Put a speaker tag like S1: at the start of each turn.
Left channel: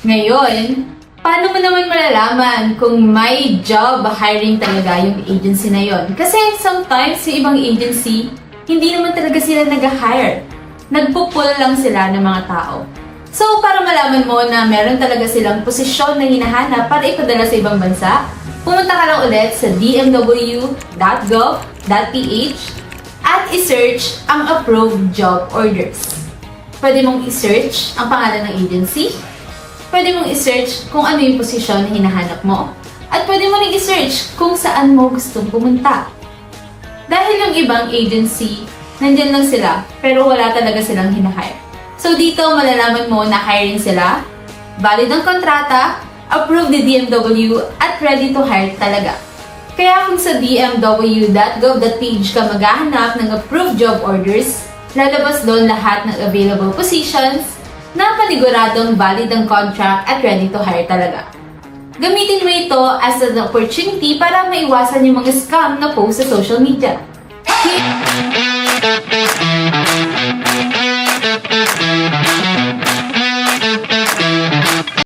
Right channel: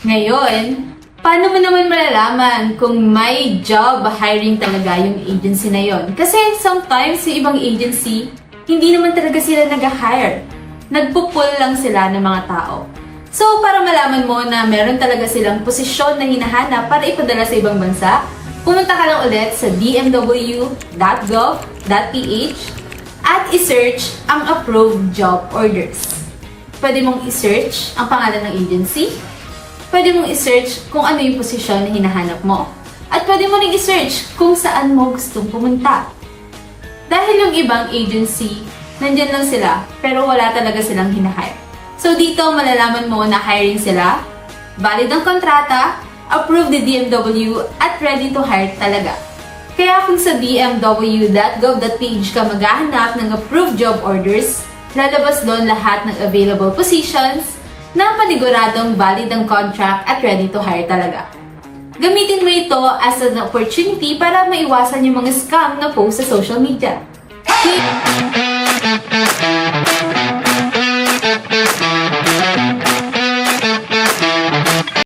S1: Ngayon, paano mo naman malalaman kung may job hiring talaga yung agency na yon? Kasi sometimes yung ibang agency, hindi naman talaga sila nag-hire. Nagpupul lang sila ng mga tao. So, para malaman mo na meron talaga silang posisyon na hinahanap para ipadala sa ibang bansa, pumunta ka lang ulit sa dmw.gov.ph at isearch ang approved job orders. Pwede mong isearch ang pangalan ng agency, pwede mong isearch kung ano yung posisyon na hinahanap mo, at pwede mo rin isearch kung saan mo gustong pumunta. Dahil yung ibang agency, nandyan lang sila, pero wala talaga silang hinahire. So dito, malalaman mo na hiring sila, valid ang kontrata, approved the DMW, at ready to hire talaga. Kaya kung sa dmw.gov.ph ka maghahanap ng approved job orders, lalabas doon lahat ng available positions na paniguradong valid ang contract at ready to hire talaga. Gamitin mo ito as an opportunity para maiwasan yung mga scam na post sa social media.